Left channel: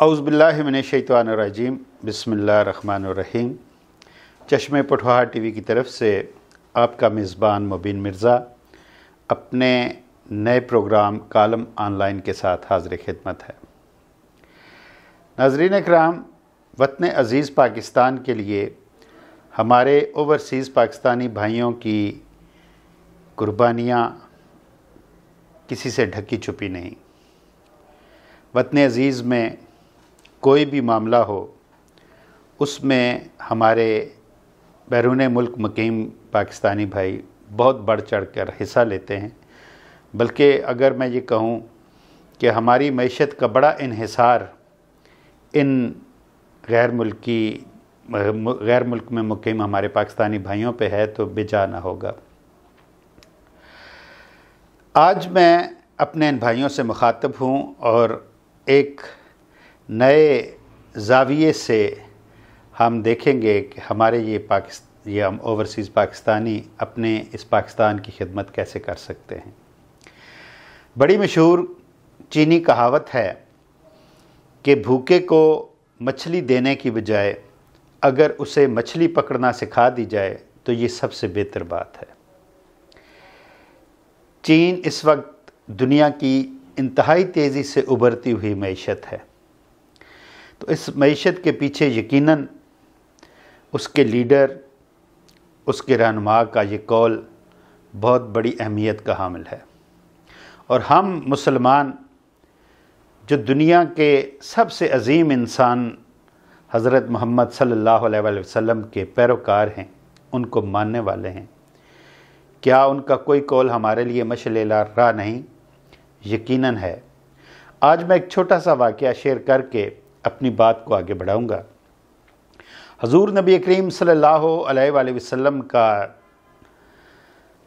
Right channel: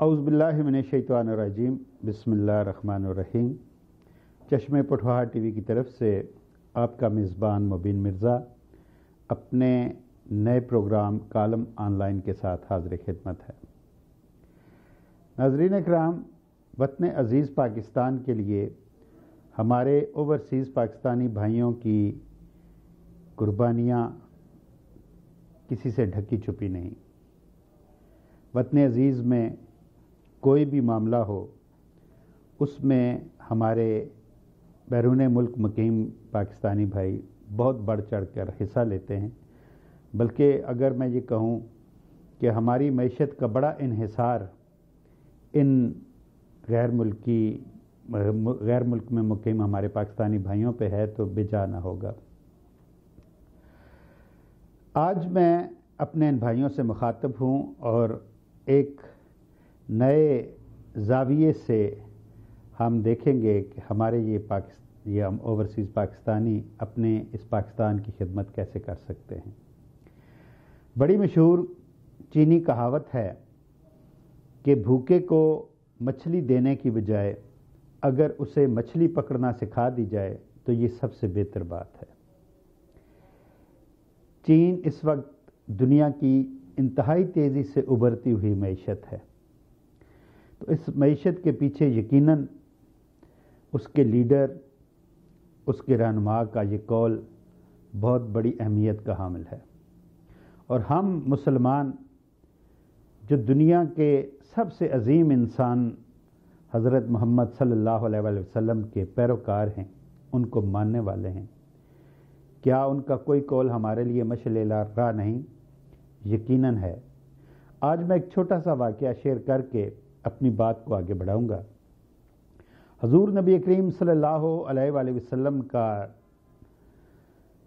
औज़ुबिल्लाहि मिनश्शैतानिर्रजीम बिस्मिल्लाहिर्रहमानिर्रहीम। चश्मे पटवाहा टीवी की तरफ से आपका मेज़बान मुबीन मिर्ज़ा अपने नए प्रोग्राम कालम ऑनलाइन के साथ हाज़िर खिदमत है। नाज़रीन इकराम, वतन अज़ीज़ पाकिस्तान के लिए हमारे ओवरसीज़ पाकिस्तानी भाइयों की कुर्बानियाँ किसी से ढकी छुपी नहीं। वतन अज़ीज़ में कोई भी मामला हो, उसमें हमारे बैरून मुल्क मुकीम पाकिस्तानी भाई बहुत बढ़ चढ़ कर हिस्सा लेते हैं। बल्कि अगर मैं ये कहूँ कि हमारी मईशत का बड़ा इन्हिसार इन गैर मुल्क में मुकीम हमारे पाकिस्तानी भाइयों पे है तो बेजा ना होगा। आज मैं अपने इन भाइयों से मुखातब हूँ और एक नए ज़ाविये से हम देखेंगे कि हमारे ये हम ओवरसीज़ पाकिस्तानी अपने इस पाकिस्तान की खिदमत कैसे कर सकते हैं। बड़ी मशहूर चीनी कहावत है कि भूखे को मछली देने की बजाय अगर उसे मछली पकड़ना सिखा दी जाए तो ये सबसे बेहतर बात है। चीन इस वक्त दुनिया की इंतहाई तेज़ी से उभरती हुई मईशत है, तो इस मईशत के पीछे यकीनन उसके लीडर, उसके रहनुमा का ये कौल बहुत बड़ी अहमियत का हामिल है। और हम मुसलमान जो दुनिया के सबसे अजीम इंसान हज़रत मोहम्मद सल्लल्लाहु अलैहि वसल्लम के पैरोकार हैं, उनको मानने वाले हैं। क्या उनका कोई कौल हमारे लिए मशअले राह नहीं? यकीनन है। आज मैं एक छोटा सा वाक़या शेयर करके अपनी बात को आगे बढ़ाऊँगा। हज़ूर नबी करीम सल्लल्लाहु अलैहि वसल्लम का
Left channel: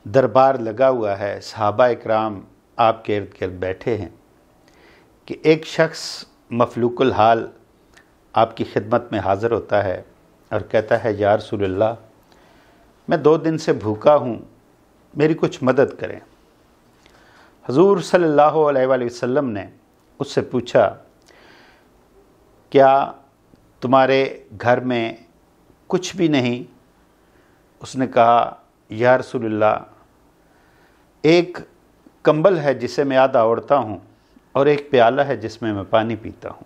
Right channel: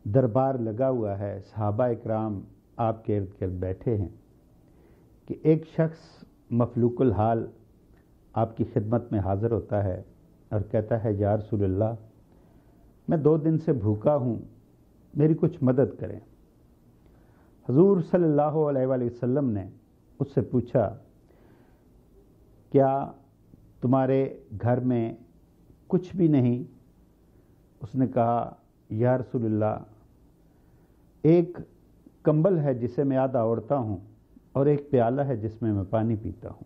दरबार लगा हुआ है, सहाबा इकराम आपके इर्द गिर्द बैठे हैं कि एक शख्स मफलूकुल हाल आपकी खिदमत में हाज़िर होता है और कहता है, या रसूलल्लाह, मैं 2 दिन से भूखा हूँ, मेरी कुछ मदद करें। हज़ूर सल्लल्लाहु अलैहि वसल्लम ने उससे पूछा, क्या तुम्हारे घर में कुछ भी नहीं? उसने कहा, या रसूलल्लाह, एक कंबल है जिसे मैं आधा ओढ़ता हूँ और एक प्याला है जिसमें मैं पानी पीता हूँ।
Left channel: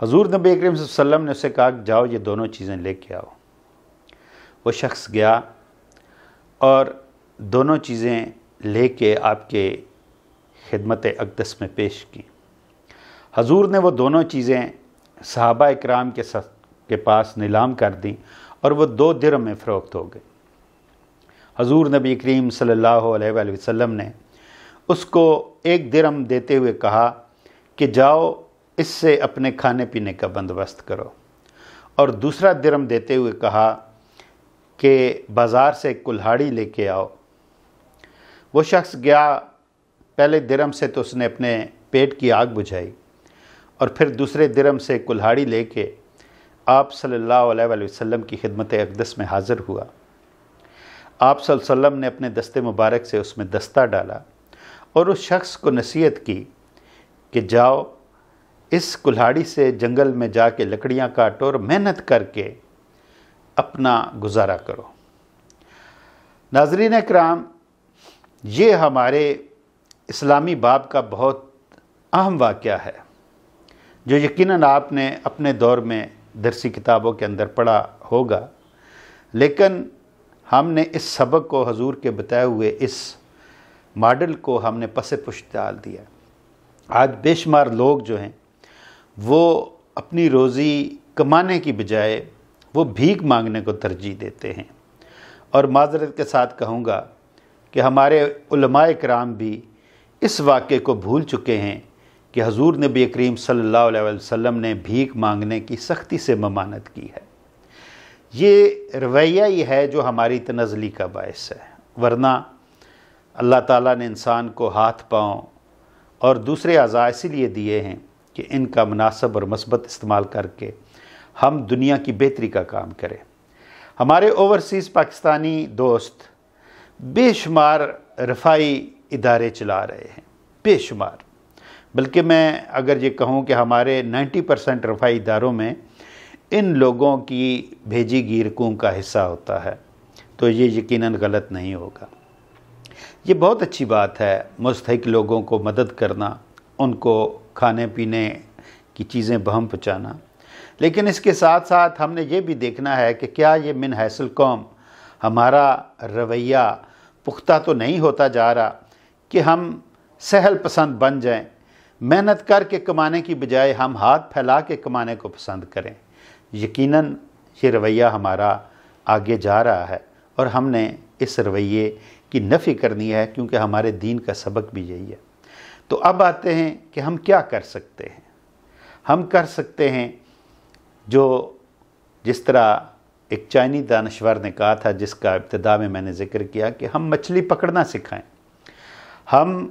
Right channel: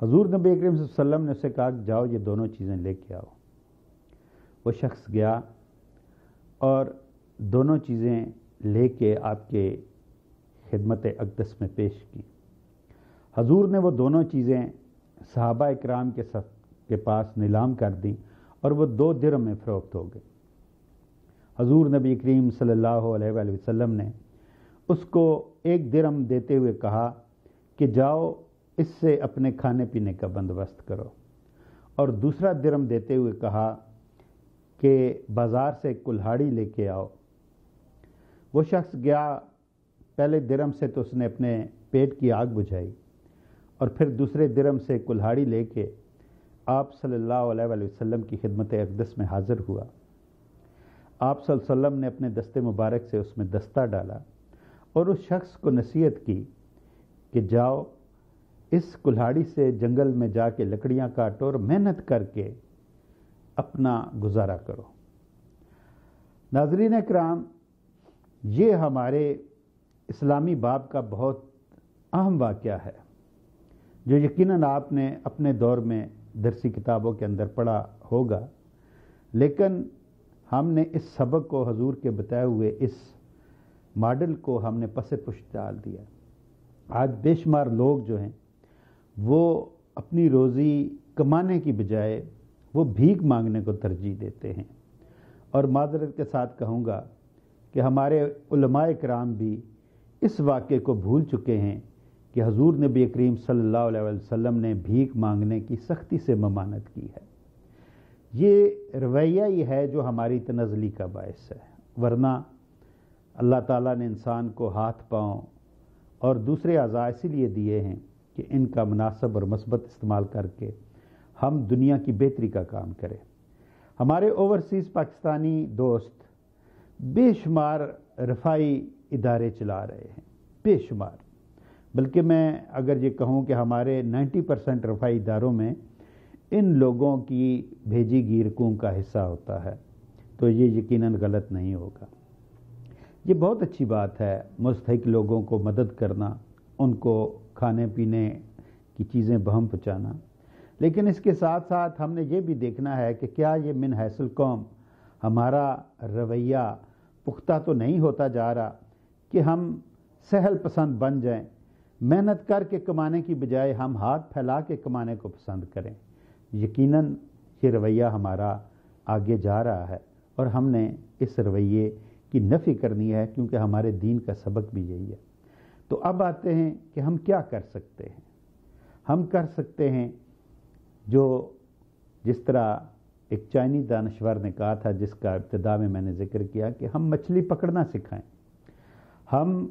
हज़ूर नबी करीम सल्लल्लाहु अलैहि वसल्लम ने उससे कहा, जाओ ये दोनों चीज़ें लेके आओ। वो शख्स गया और दोनों चीज़ें लेके आपके खिदमत अक़दस में पेश की। हज़ूर ने वो दोनों चीज़ें सहाबा इकराम के पास नीलाम कर दी और वो 2 दिरहम में फ़रोख्त हो गई। हज़ूर नबी करीम सल्लल्लाहु अलैहि वसल्लम ने उसको 1 दिरहम देते हुए कहा कि जाओ इससे अपने खाने पीने का बंदोबस्त करो, और दूसरा दिरहम देते हुए कहा कि बाज़ार से कुल्हाड़ी लेके आओ। वो शख्स गया, पहले दिरहम से तो उसने अपने पेट की आग बुझाई और फिर दूसरे दिरहम से कुल्हाड़ी लेके आप सल्लल्लाहु अलैहि वसल्लम की खिदमत अक़दस में हाज़िर हुआ। आप सल्लल्लाहु अलैहि वसल्लम ने अपने दस्ते मुबारक से उसमें दस्ता डाला और उस शख्स को नसीहत की कि जाओ इस कुल्हाड़ी से जंगल में जाके लकड़ियाँ काटो और मेहनत करके अपना गुजारा करो। नाज़रीन इकराम, ये हमारे इस्लामी बाब का बहुत अहम वाक़या है जो यकीनन आपने अपने दौर में दरसी किताबों के अंदर पढ़ा होगा, लेकिन हमने इस सबक को, हजूर के बताए हुए इस मॉडल को हमने पसे पुश्त डाल दिया। आज बेशुमार लोग जो हैं वो अपनी रोज़ी कमाने की बजाय वो भीख मांगने को तरजीह देते हैं। और माज़रत के साथ कहूँगा कि हमारे उलमाए किराम भी इस वाक़े को भूल चुके हैं कि हज़ूर नबी करीम सल्लल्लाहु अलैहि वसल्लम ने भीख मांगने की सख्ती से ममानत की है। ये रवैया ही है जो हमारी तनज़ली का बायस है, वरना अल्लाह ताला ने इंसान को हाथ, पाँव और दूसरे अज़ा इसीलिए दिए हैं कि इनका मुनासिब और मस्बत इस्तेमाल करके हम दुनिया की बेहतरी का काम करें। हमारे ओवरसीज़ पाकिस्तानी दोस्त बेशुमार रफ़ाई इदारे चला रहे हैं, बेशुमार। بلکہ میں اگر یہ کہوں کہ ہمارے 90% رفاہی اداروں میں ان لوگوں کی بھیجی گئی رقوم کا حصہ ہوتا ہے، تو یہ یقیناً غلط نہیں ہوگا۔ یہ بہت اچھی بات ہے مستحق لوگوں کو مدد کرنا، ان کو کھانے پینے کی چیزیں بہم پہنچانا، لیکن اس کے ساتھ ساتھ ہم نے یہ بھی دیکھنا ہے کہ کیا یہ من حیث القوم ہمارا رویہ پختہ تو نہیں ہوتا جا رہا کہ ہم سہل پسند بن جائیں، محنت کر کے کمانے کی بجائے ہم ہاتھ پھیلا کے کمانے کو پسند کریں۔ یقیناً یہ رویہ ہمارا آگے جا رہا ہے اور ہم نے اس رویے کی نفی کرنی ہے، کیونکہ ہمارے دین کا سبق بھی یہی ہے۔ تو اب آتے ہیں کہ ہم کیا کر سکتے ہیں۔ ہم کر سکتے ہیں جس طرح ایک چائنی دانشور نے کہا تھا، جس کا ابتدا میں نے ذکر کیا، کہ ہم مچھلی پکڑنا سکھائیں، ہم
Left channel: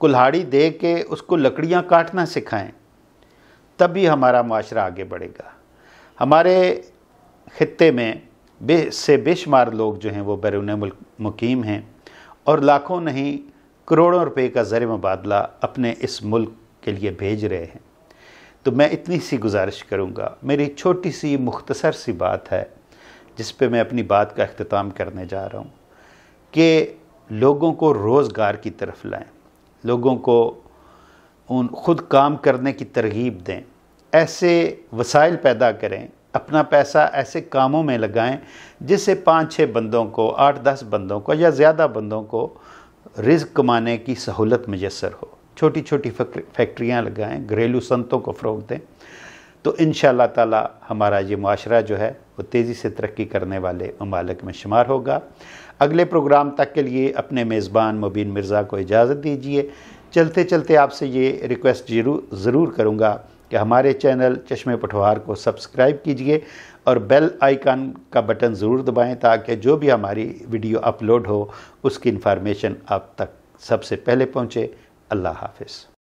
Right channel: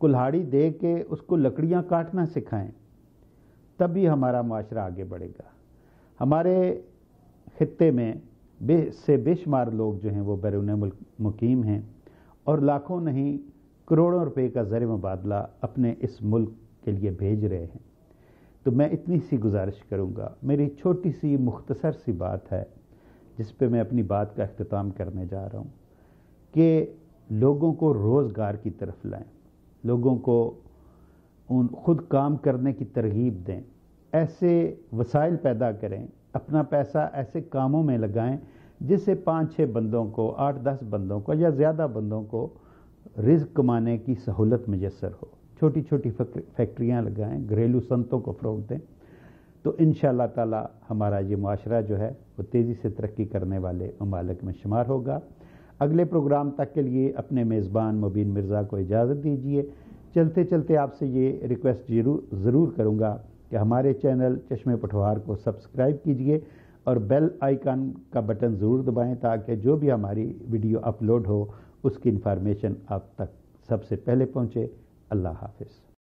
کلہاڑی دے کے اس کو لکڑیاں کاٹنا سکھائیں، تبھی ہمارا معاشرہ آگے بڑھے گا۔ ہمارے خطے میں بے شمار لوگ جو ہیں وہ بیرون ملک مقیم ہیں اور لاکھوں نہیں کروڑوں روپے کا زر مبادلہ اپنے اس ملک کے لیے بھیج رہے ہیں۔ تو میں اتنی سی گزارش کروں گا، میری چھوٹی سی مختصر سی بات ہے جس پہ میں اپنی بات کا اختتام کرنے جا رہا ہوں، کہ لوگوں کو روزگار کی طرف لائیں، لوگوں کو خود کام کرنے کی ترغیب دیں، ایسے وسائل پیدا کریں، اپنا پیسہ ایسے کاموں میں لگائیں جس سے 5-6 بندوں کو، 8-10 بندوں کو یا زیادہ بندوں کو رزق کمانے کی سہولت میسر ہو۔ چھوٹی چھوٹی فیکٹریاں لگائیں، گھریلو صنعتوں کو فروغ دیں، تو انشاءاللہ تعالی ہمارا یہ معاشرہ جو ہے وہ تیزی سے ترقی کرنے والے ممالک میں شمار ہوگا۔ اگلے پروگرام تک کے لیے اپنے میزبان مبین مرزا کو اجازت دیجیے۔ چلتے چلتے آپ سے یہ ریکویسٹ ضرور کروں گا کہ ہمارے چینل چشمے پٹھوار کو سبسکرائب کیجئے اور بیل آئیکن کا بٹن ضرور دبائیں، تاکہ جو بھی ہماری ویڈیو اپلوڈ ہو اس کی انفارمیشن آپ تک سب سے پہلے پہنچے۔ اللہ حافظ۔